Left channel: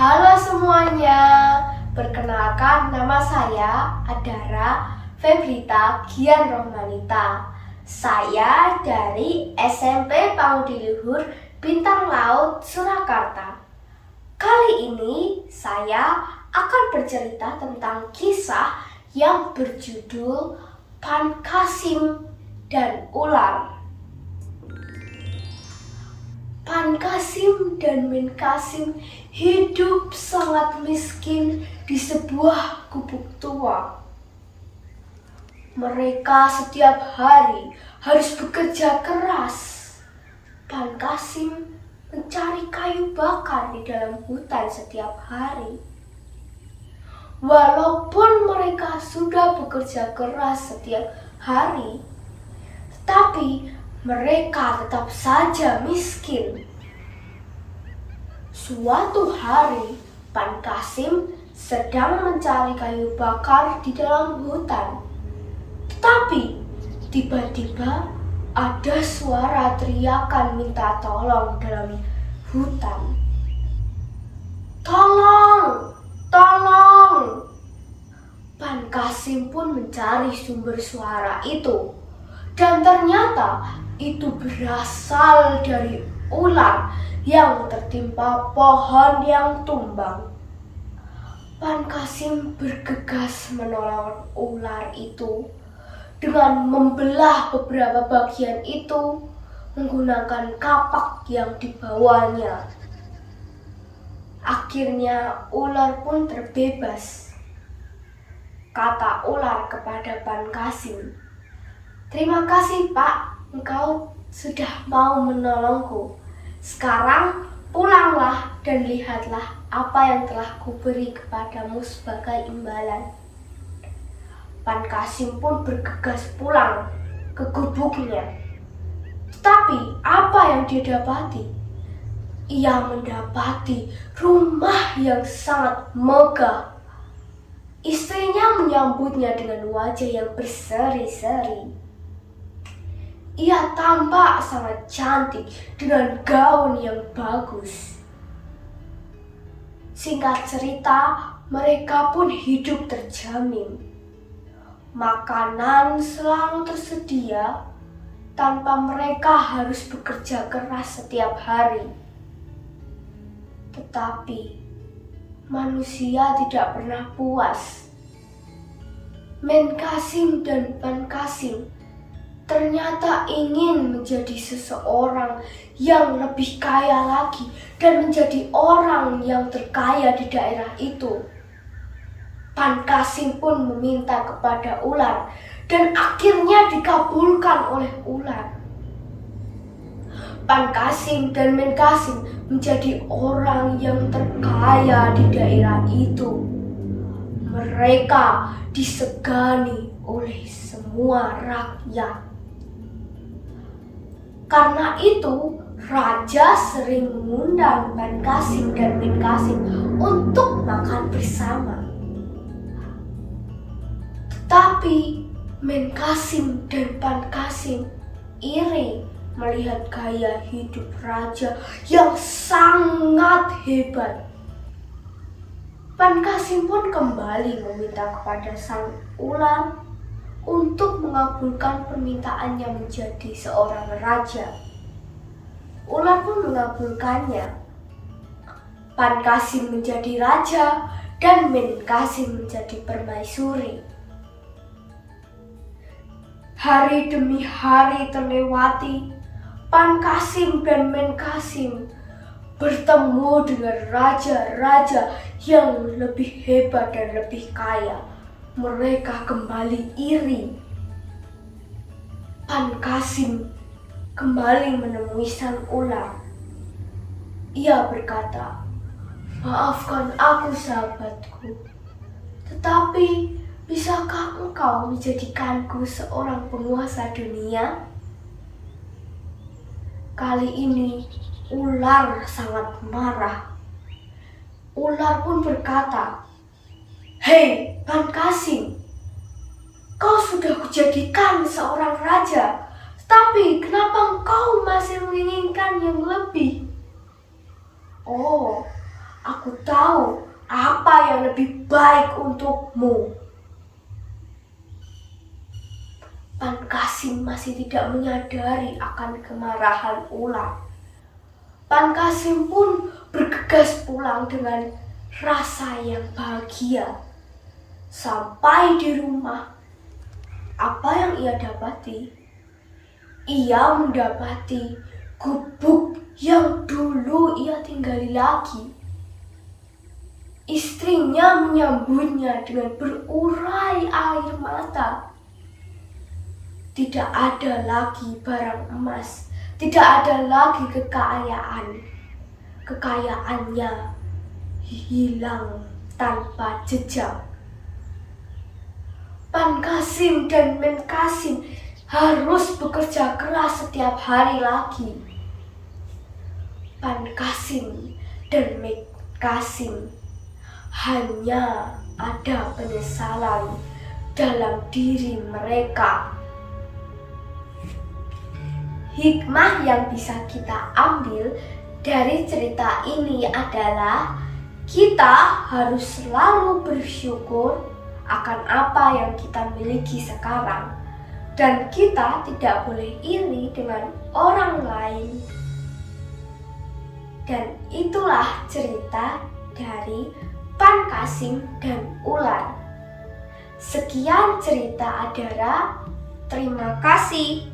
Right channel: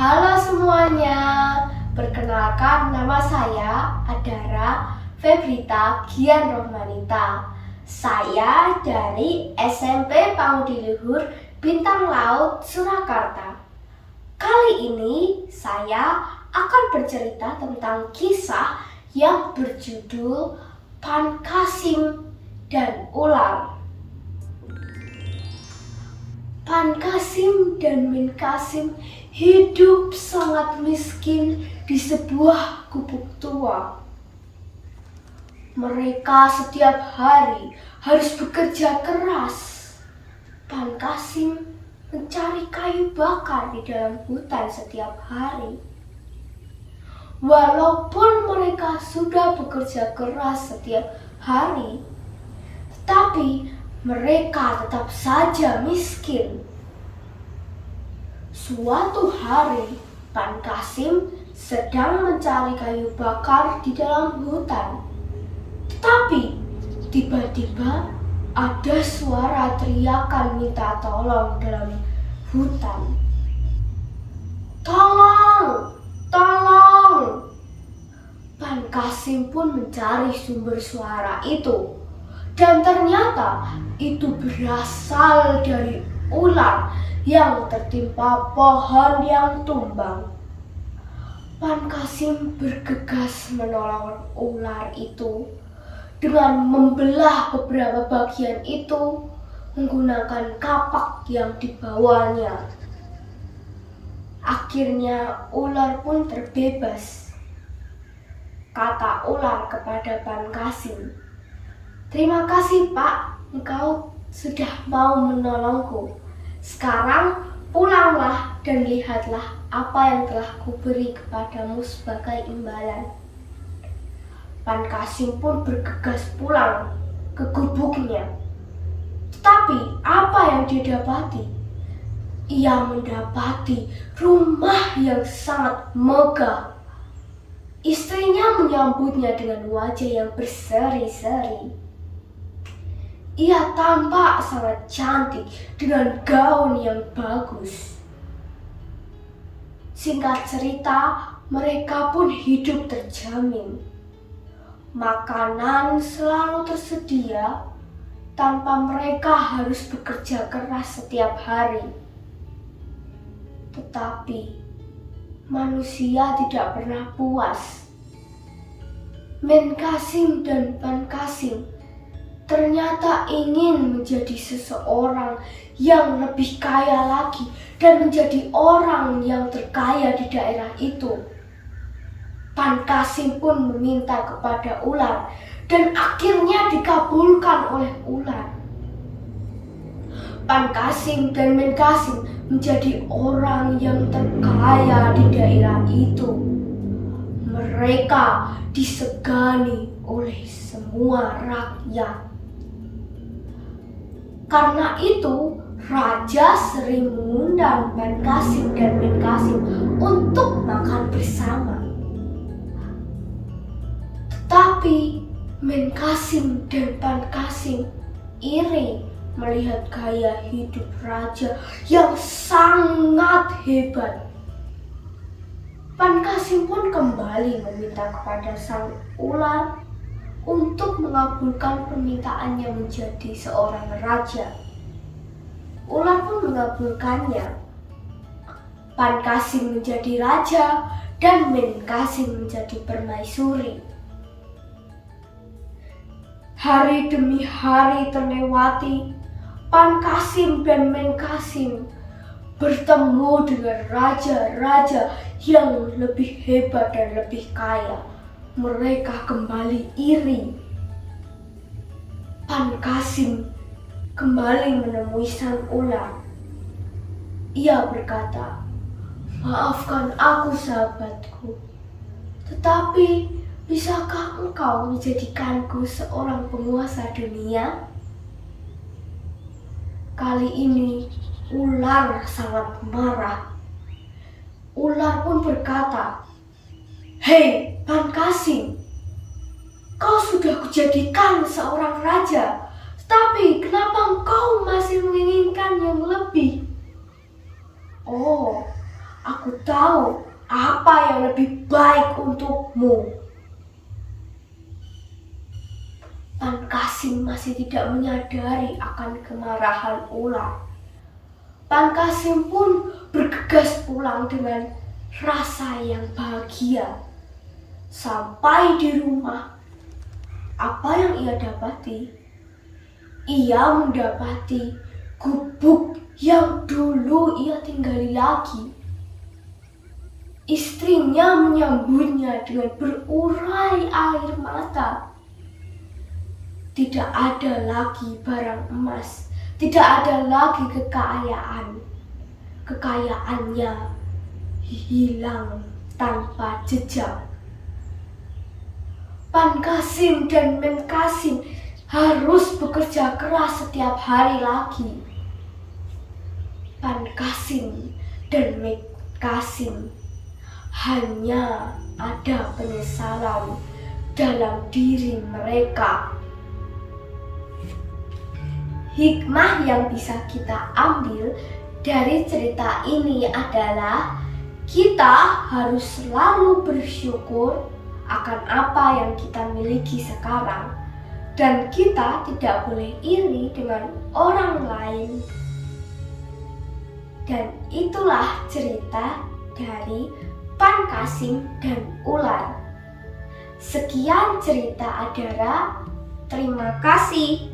Halo semuanya, perkenalkan nama saya Adara Febrita Gian Rohmanita. Saya dari SMP Pangudi Luhur Bintang Laut Surakarta. Kali ini saya akan bercerita tentang kisah yang berjudul Pan-Qasim dan Ular. Pan-Qasim dan Men-Qasim hidup sangat miskin di sebuah gubuk tua. Mereka setiap hari harus bekerja keras. Pan-Qasim mencari kayu bakar di dalam hutan setiap hari. Walaupun mereka sudah bekerja keras setiap hari, tetapi mereka tetap saja miskin. Suatu hari, Pan-Qasim sedang mencari kayu bakar di dalam hutan. Tetapi tiba-tiba ada suara teriakan minta tolong dalam hutan. Tolong! Tolong! Pan-Qasim pun mencari sumber suara itu. Dan ternyata itu berasal dari ular yang tertimpa pohon yang tumbang. Pan-Qasim bergegas menolong ular itu dengan membelah beberapa bagian itu menggunakan kapak yang dibawanya. Akhirnya ular pun terbebas. Kata ular kepada Pan-Qasim, "Terima kasih Pak, engkau sudah mau menolongku. Sekarang pulanglah dan lihatlah apa yang telah kuberi kepadamu sebagai imbalan." Pan-Qasim pun bergegas pulang ke gubuknya. Tetapi apa yang dia dapati? Ia mendapati rumah yang sangat megah. Istrinya menyambutnya dengan wajah yang berseri-seri. Ia tampak sangat cantik dengan gaun yang bagus. Singkat cerita, mereka pun hidup terjamin. Makanan selalu tersedia tanpa mereka harus bekerja keras setiap hari. Tetapi manusia tidak pernah puas. Men-Qasim dan Pan-Qasim ternyata ingin menjadi seseorang yang lebih kaya lagi dan menjadi orang yang terkaya di daerah itu. Pan-Qasim pun meminta kepada ular dan akhirnya dikabulkan oleh ular. Pan-Qasim dan Men-Qasim menjadi orang yang terkaya di daerah itu. Mereka disegani oleh semua rakyat. Karena itu, raja sering mengundang Pan-Qasim dan Men-Qasim untuk makan bersama. Tetapi Men-Qasim dan Pan-Qasim iri melihat gaya hidup raja yang sangat hebat. Pan-Qasim pun kembali meminta kepada sang ular untuk mengabulkan permintaannya menjadi seorang raja. Ular pun mengabulkannya. Pan-Qasim menjadi raja dan Men-Qasim menjadi permaisuri. Hari demi hari terlewati, Pan-Qasim dan Men-Qasim bertemu dengan raja-raja yang lebih hebat dan lebih kaya. Mereka kembali iri. Pan-Qasim kembali menemui sang ular. Ia berkata, "Maafkan aku sahabatku, tetapi bisakah engkau menjadikanku seorang penguasa dunia?" Kali ini ular sangat marah. Ular pun berkata, "Hei Pan-Qasim, kau sudah kujadikan seorang raja, tapi kenapa engkau masih menginginkan yang lebih?" "Oh, Aku tahu apa yang lebih baik untukmu. Pan Qasim masih tidak menyadari akan kemarahan ular. Pan Qasim pun bergegas pulang dengan rasa yang bahagia. Sampai di rumah, apa yang ia dapati? Ia mendapati gubuk yang dulu ia tinggali lagi. Istrinya menyambutnya dengan berurai air mata. Tidak ada lagi barang emas, tidak ada lagi kekayaan. Kekayaannya hilang tanpa jejak. Pan Qasim dan Men Qasim harus bekerja keras setiap hari lagi. Pan Qasim dan Men Qasim hanya ada penyesalan dalam diri mereka. Hikmah yang bisa kita ambil dari cerita ini adalah kita harus selalu bersyukur akan apa yang kita miliki sekarang, dan kita tidak boleh iri dengan orang lain. Dan itulah cerita dari Pan Qasim dan ular. Sekian cerita Adara. Terima kasih.